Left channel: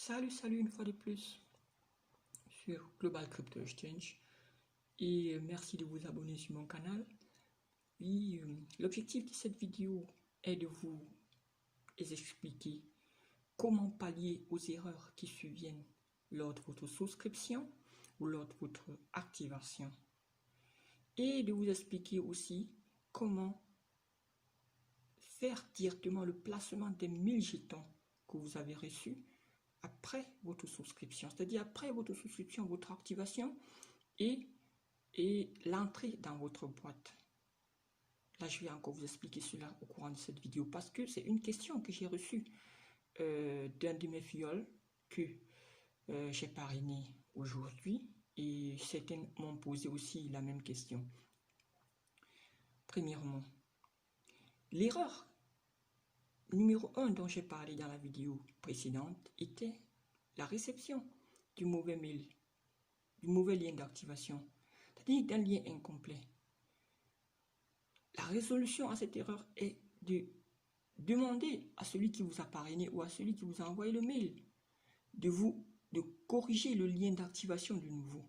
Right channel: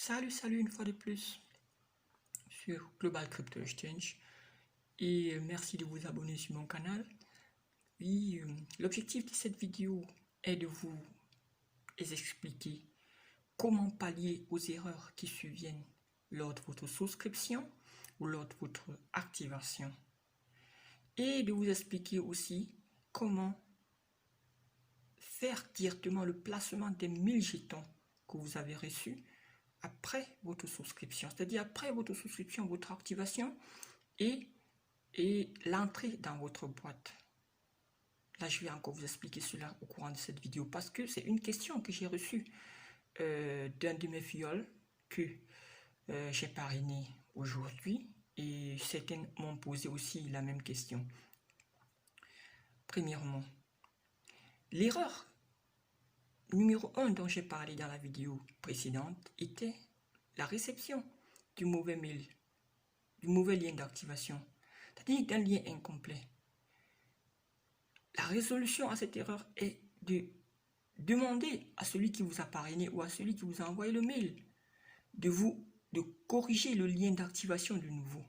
Salut une fois de plus sur Global Crypto Exchange et merci de vous abonner sur mon canal. Oui, l'objectif de cette vidéo est de vous expliquer comment pallier aux erreurs qui surviennent lors de votre souscription ou lors de votre activation et de vous expliquer aussi comment faire directement le placement des 1000 jetons que vous avez reçus après votre souscription, c'est-à-dire après votre souscription, votre activation et l'entrée dans votre boîte. Là, je vais encore vous expliquer cela au courant de cette vidéo parce que c'est une question que j'ai reçue d'un de mes fioles que j'ai parrainé aujourd'hui et certains m'ont posé aussi la même question. Premièrement, l'erreur numéro 1 dont j'ai parlé dans la vidéo précédente était la réception du mauvais mail, du mauvais lien d'activation, c'est-à-dire d'un lien incomplet. La résolution à cette erreur est de demander à celui qui vous a parrainé ou à celui qui vous a envoyé le mail de corriger le lien d'activation de nouveau.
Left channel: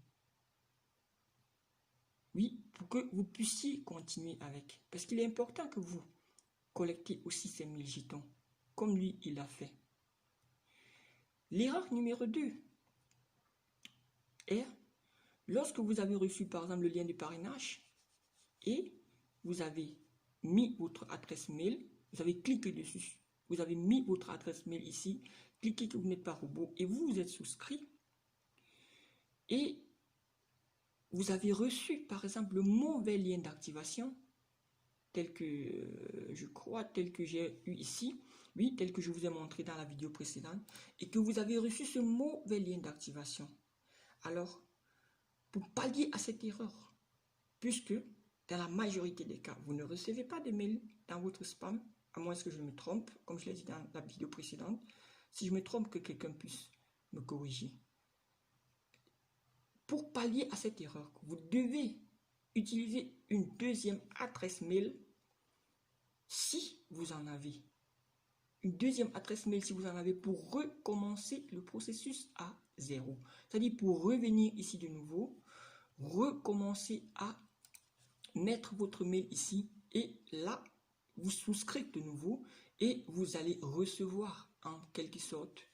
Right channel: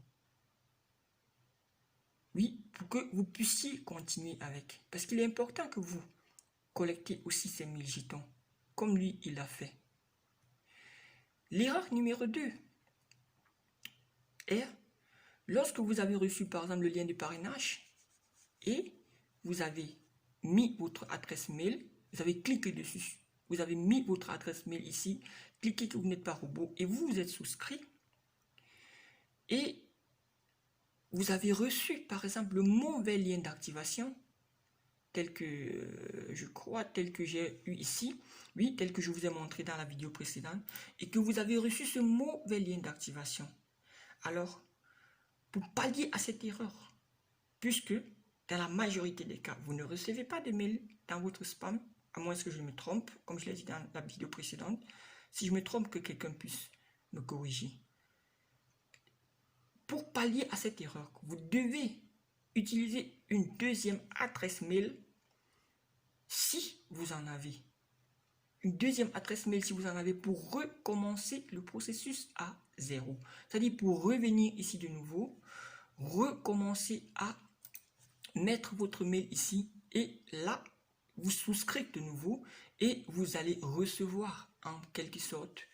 Oui, pour que vous puissiez continuer avec. Parce qu'il est important que vous collectez aussi ces 1000 jetons, comme lui, il l'a fait. L'erreur numéro 2 est lorsque vous avez reçu par exemple le lien de parrainage et vous avez mis votre adresse mail, vous avez cliqué dessus, vous avez mis votre adresse mail ici, cliquez que vous n'êtes pas robot et vous êtes souscrit et vous avez reçu par exemple le mauvais lien d'activation tel que je crois, tel que j'ai eu ici, oui, tel que je vous ai montré dans la vidéo précédente et que vous avez reçu ce mauvais lien d'activation. Alors, pour pallier à cette erreur, puisque dans la majorité des cas, vous ne recevez pas de mail dans votre spam, à moins que je me trompe, comme je l'ai dit dans la vidéo précédente. Si je me trompe, que quelqu'un puisse me corriger. Pour pallier à cette erreur, vous devez utiliser une deuxième adresse mail si vous en avez. Une deuxième adresse mail si vous en avez pour recommencer le processus à zéro. C'est-à-dire pour revenir ici de nouveau, recommencer à mettre votre mail ici et là, vous souscrivez de nouveau et vous allez recevoir en quelque sorte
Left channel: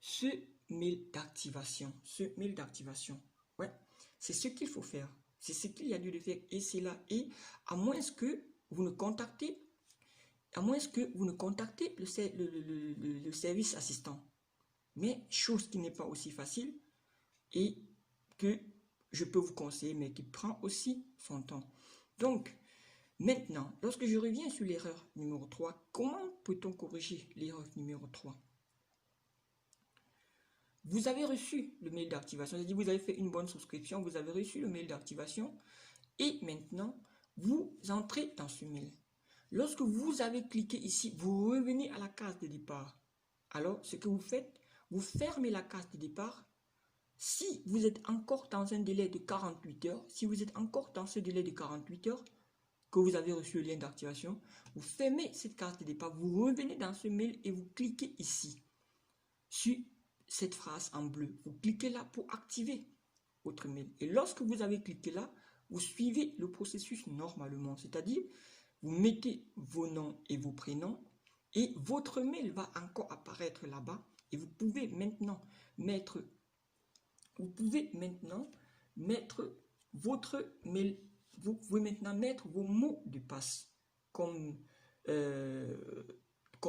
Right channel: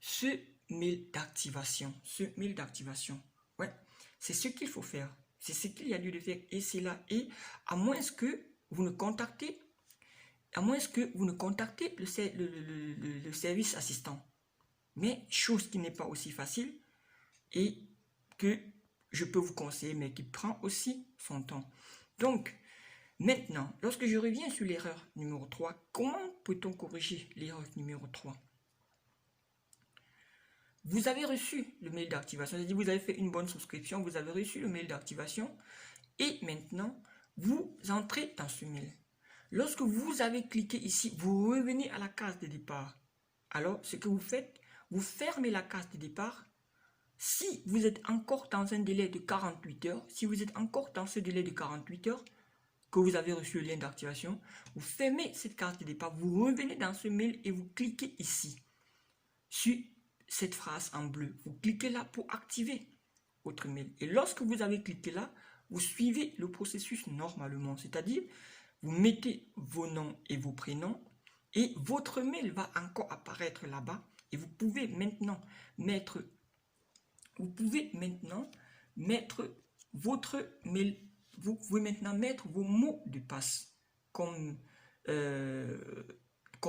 ce mail d'activation. Ouais, c'est ce qu'il faut faire. C'est ce qu'il y a lieu de faire et c'est là. Et à moins que vous ne contactez, le service assistant. Mais chose qui n'est pas aussi facile et que je peux vous conseiller, mais qui prend aussi son temps. Donc, maintenant, lorsque je reviens sur l'erreur numéro 3, comment peut-on corriger l'erreur numéro 3? Vous avez reçu le mail d'activation, c'est-à-dire vous avez fait une bonne souscription, vous avez reçu le mail d'activation et maintenant, vous entrez dans ce mail. Lorsque vous avez cliqué ici, vous revenez à la case de départ. Alors, ce que vous faites, vous fermez la case de départ. Si vous êtes encore dans un délai de 48 heures, si vous êtes encore dans ce délai de 48 heures que vous avez reçu le lien d'activation, vous fermez cette case de départ, vous revenez dans ce mail et vous cliquez ici sur cette phrase en bleu. Vous cliquez là pour activer votre mail. Et lorsque vous avez cliqué là, vous suivez le processus normalement, c'est-à-dire vous mettez vos noms et vos prénoms et votre mail va encore apparaître là-bas et vous pouvez maintenant mettre votre mail, vous pouvez maintenant mettre vos mots de passe comme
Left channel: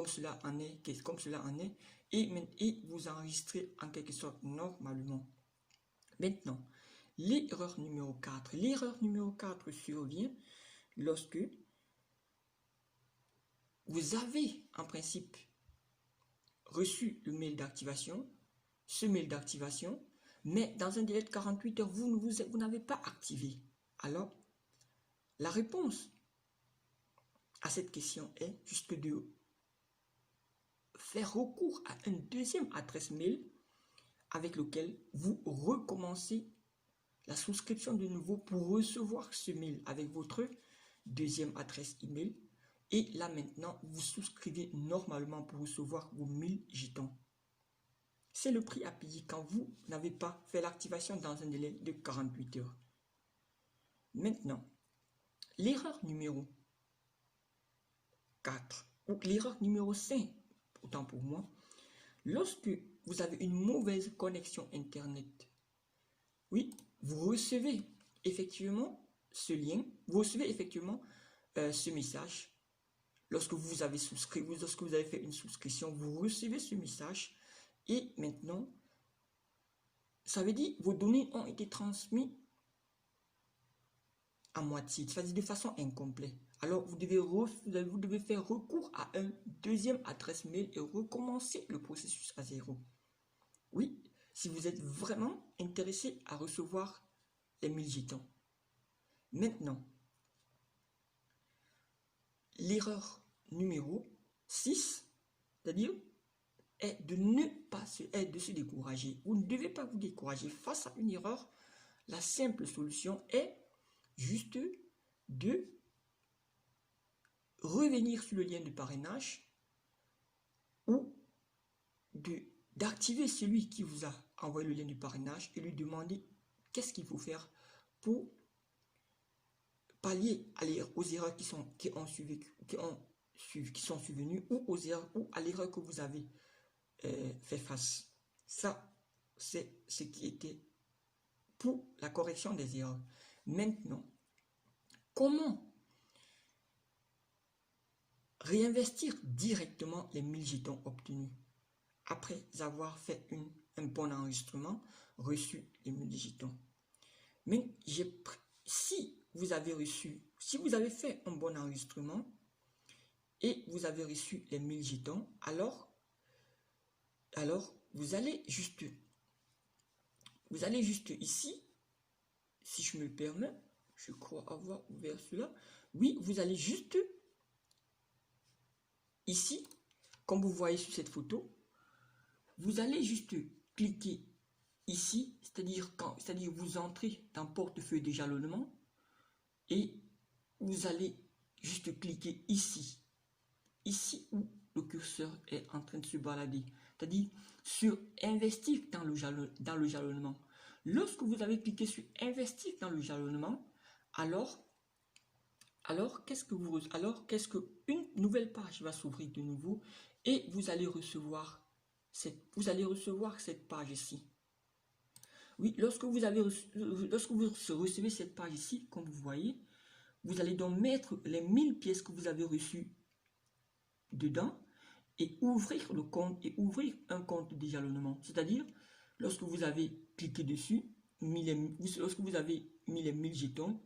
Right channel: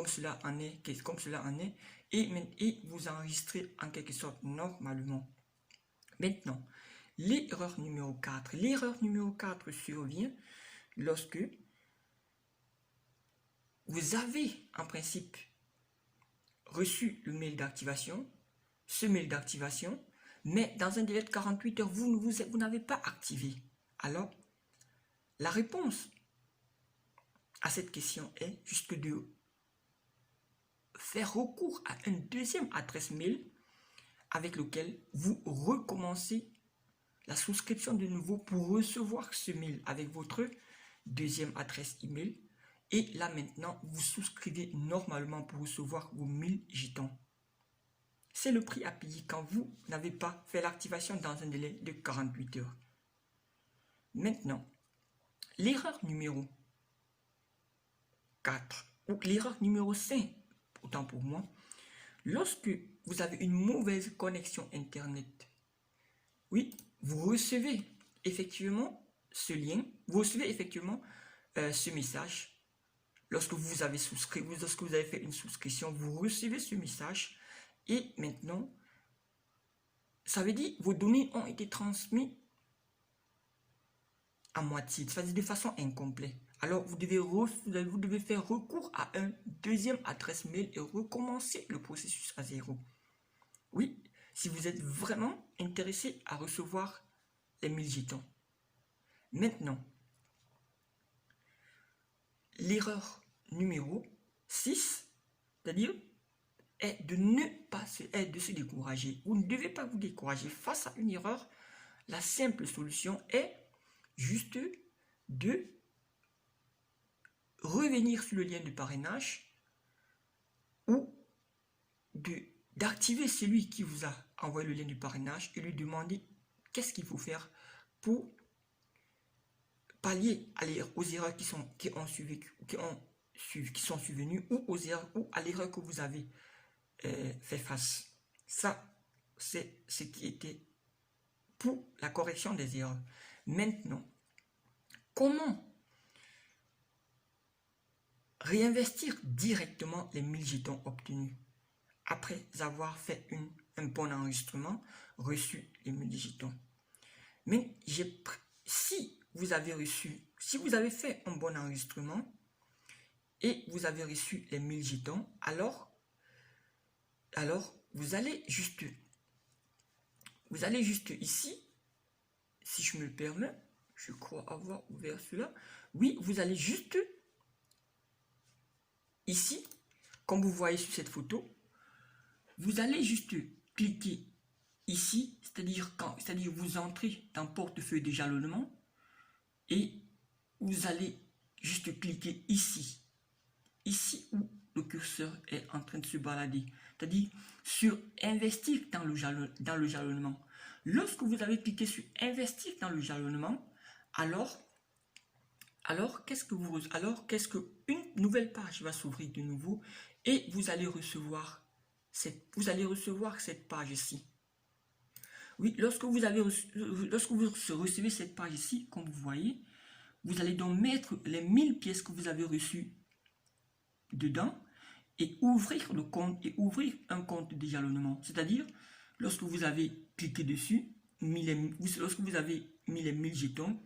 cela en est et vous enregistrez en quelque sorte normalement. Maintenant, l'erreur numéro 4. L'erreur numéro 4 survient lorsque vous avez en principe reçu le mail d'activation, mais dans un délai de 48 heures, vous n'avez pas activé. Alors, la réponse à cette question est juste de faire recours à une deuxième adresse mail avec lequel vous recommencez la souscription de nouveau pour recevoir ce mail avec votre deuxième adresse email. Et là maintenant, vous souscrivez normalement pour recevoir vos 1000 jetons. c'est le prix à payer quand vous n'avez pas fait l'activation dans un délai de 48 heures. Maintenant, l'erreur numéro 4, ou l'erreur numéro 5, autant pour moi, lorsque vous avez une mauvaise connexion Internet, oui, vous recevez effectivement ce lien, vous recevez effectivement ce message. Lorsque vous avez souscrit, lorsque vous avez fait une souscription, vous recevez ce message et maintenant, ça veut dire que vos données ont été transmises à moitié, c'est-à-dire de façon incomplète. Alors, vous devez faire recours à une deuxième adresse mail et recommencer le processus à zéro. Oui, si vous êtes vraiment intéressé à recevoir les 1000 jetons. Maintenant, l'erreur numéro 6, c'est-à-dire est de de se décourager. Vous ne devez pas vous décourager face à une erreur. La simple solution est juste de revenir sur le lien de parrainage ou d'activer celui qui vous a envoyé le lien du parrainage et lui demander qu'est-ce qu'il faut faire pour pallier aux erreurs qui sont survenues ou aux erreurs ou à l'erreur que vous avez fait face. Ça, c'est ce qui était pour la correction des erreurs. Maintenant, comment réinvestir directement les 1000 jetons obtenus après avoir fait un bon enregistrement, reçu les 1000 jetons? Mais si vous avez fait un bon enregistrement et vous avez reçu les 1000 jetons, alors vous allez juste ici, si je me le permets, je crois avoir ouvert cela. Oui, vous allez juste ici, comme vous voyez sur cette photo, vous allez juste cliquer ici, c'est-à-dire vous entrez dans portefeuille de jalonnement et vous allez juste cliquer ici où le curseur est en train de se balader, c'est-à-dire sur investir dans le jalonnement. Lorsque vous avez cliqué sur investir dans le jalonnement, alors qu'est-ce qu'une nouvelle page va s'ouvrir de nouveau et vous allez recevoir cette page-ci. Oui, lorsque vous recevez cette page-ci, comme vous voyez, vous allez donc mettre les 1000 pièces que vous avez reçues dedans et ouvrir le compte et ouvrir un compte de jalonnement. C'est-à-dire, lorsque vous avez cliqué dessus, lorsque vous avez mis les 1000 jetons,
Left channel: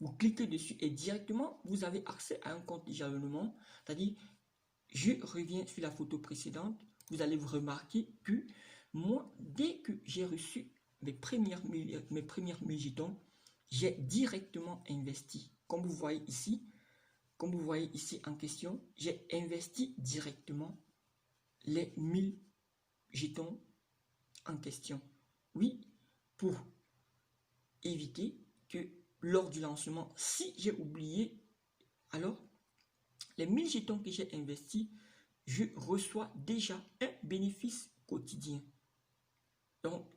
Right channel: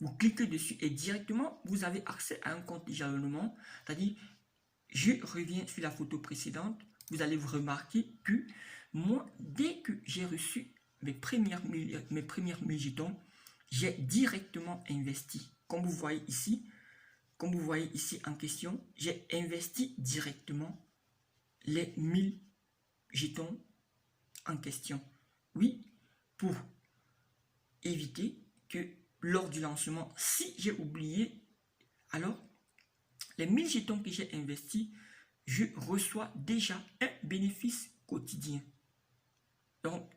vous cliquez dessus et directement, vous avez accès à un compte de jalonnement. C'est-à-dire, je reviens sur la photo précédente, vous allez vous remarquer que moi, dès que j'ai reçu mes premières 1000 jetons, j'ai directement investi. Comme vous voyez ici en question, j'ai investi directement les 1000 jetons en question. Oui, pour éviter que lors du lancement, si j'ai oublié, alors les 1000 jetons que j'ai investis, je reçois déjà un bénéfice quotidien. Donc,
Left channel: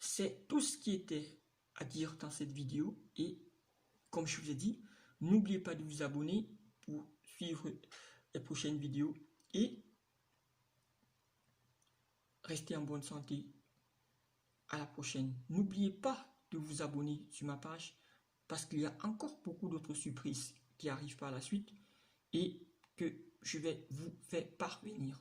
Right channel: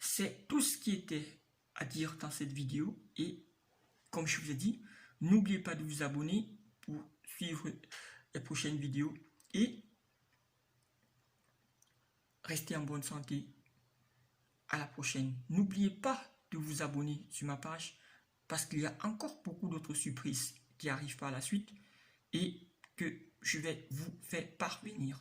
c'est tout ce qui était à dire dans cette vidéo et comme je vous ai dit, n'oubliez pas de vous abonner pour suivre les prochaines vidéos et restez en bonne santé. À la prochaine. N'oubliez pas de vous abonner sur ma page parce qu'il y a encore beaucoup d'autres surprises qui arrivent par la suite et que je vais vous faire parvenir.